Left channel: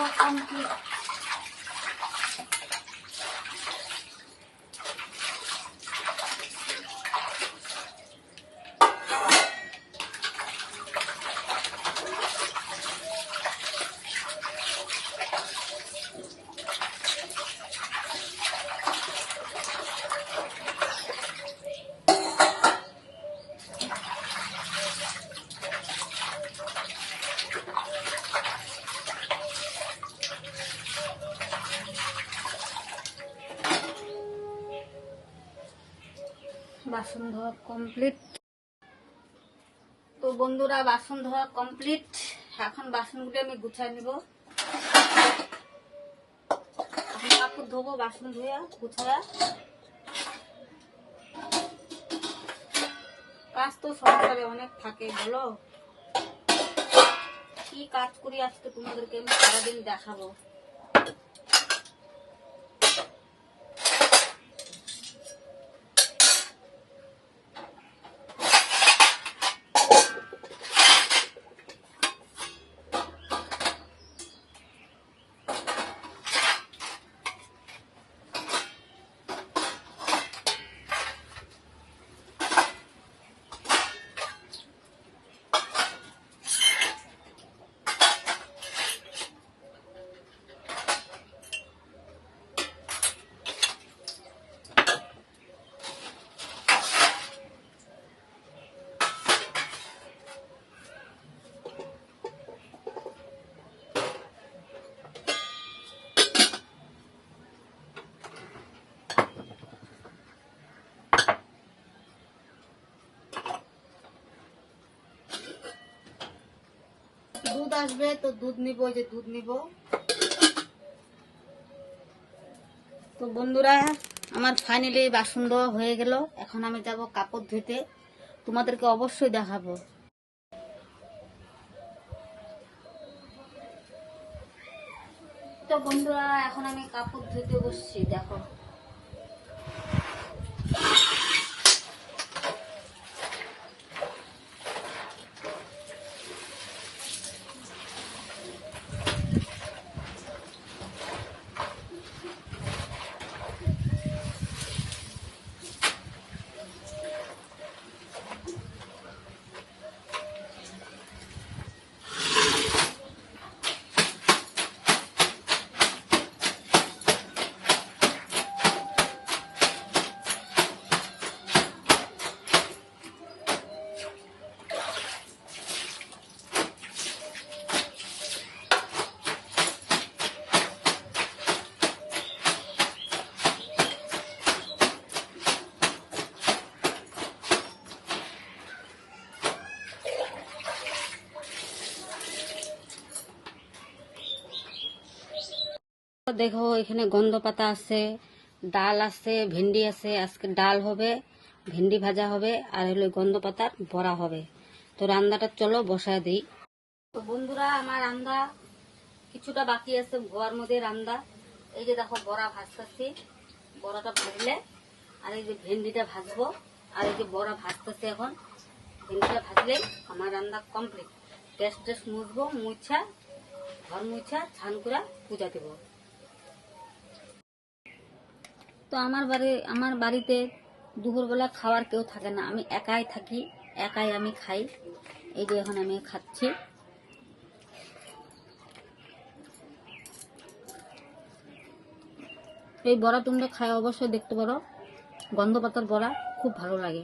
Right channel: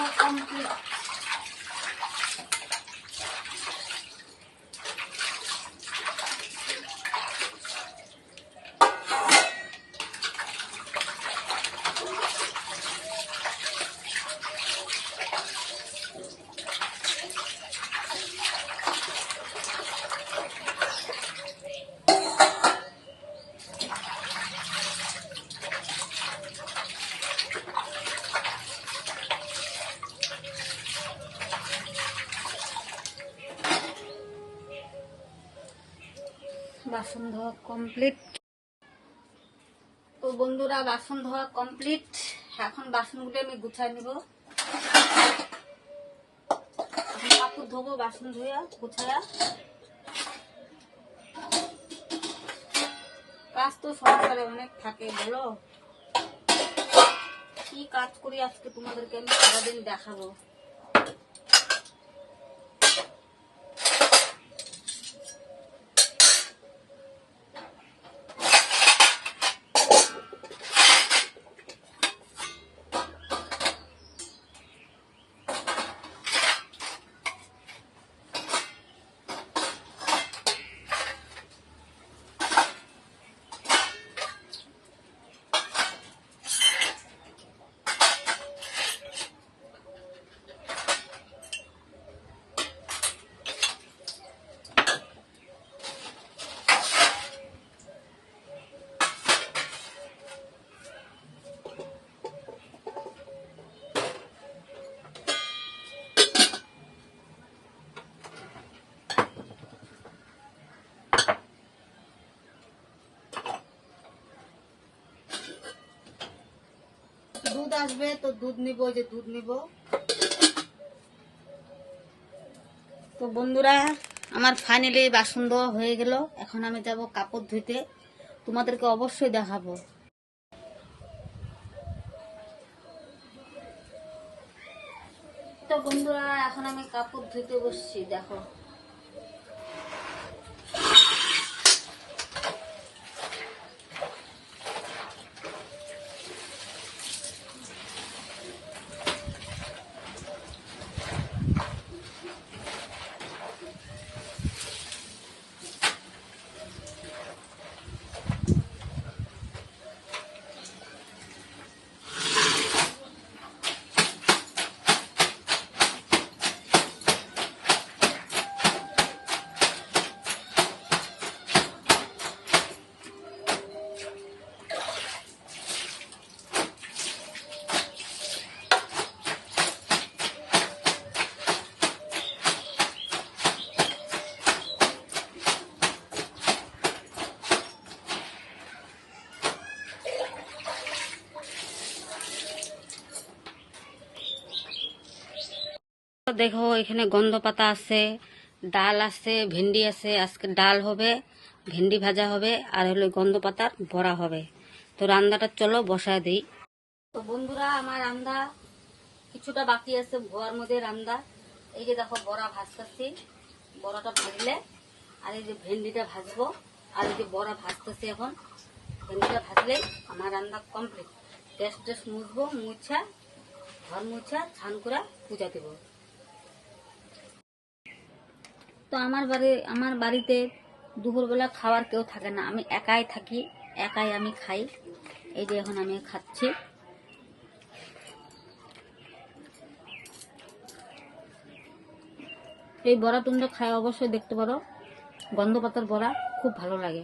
ধোয়া কমপ্লিট। বাসন ধোয়া কমপ্লিট। তো বন্ধুরা বাসন ধোয়া কমপ্লিট, এখন বাসনগুলো আমি গুছাই নিব। কাপড় ধোবো বাসন ধুয়া গুছায়া। কাজ তো সংসারে অনেক থাকে, বলো কি কাজ করি আজকে তোমাদেরকে আমি সারাদিন দেখাবো। দুধ আসবে তো দুধ নিব, যে দুধ নিব। তো বন্ধুরা আমার ফাইনালি বাসন ধোয়া হয়ে গেল, এখন আমি যাব কাপড় ধুইতে, তোমাদেরকে অবশ্যই দেখাবো। তো বন্ধুরা এখন আমি কাপড় ধুইতে বসছি, দেখো। দেখো এখানে গন্ধ পাতা আছে, ডাল আছে, ভেন্ডি আছে। আজকে ডাল হবে, ভেন্ডি ভাজা হবে, আর হলো গন্ধ পাতার বড়া হবে। তো রান্নাটা চলো বসায় দিই। তো বন্ধুরা আমার রান্না কিছুটা বাকি আছে, ঘর মধ্যে রান্না। এই যে দেখো বড়া ভাজতেছি, বড়াটা ভাজলে আর এই যে ভেন্ডিটা ভাজবো, আর এই যে বড়া ভাজতেছে এখন। ভেন্ডিটা ভাজলে আমার রান্না কমপ্লিট। টেস্ট মুছবো, মুছা ঘর মুছা ছান করে পূজা দেব। তো আমার বাড়িতে দুপুরবেলা খাওয়ার কেউ থাকে না, আমি একাই থাকি, একাই আমি খাই। এই যে এখন আমি খাচ্ছি। এই বড়া তোমরা খাই অবশ্যই দেখতে পারো, গন্ধ পাতার বড়া খুব ভালো লাগে।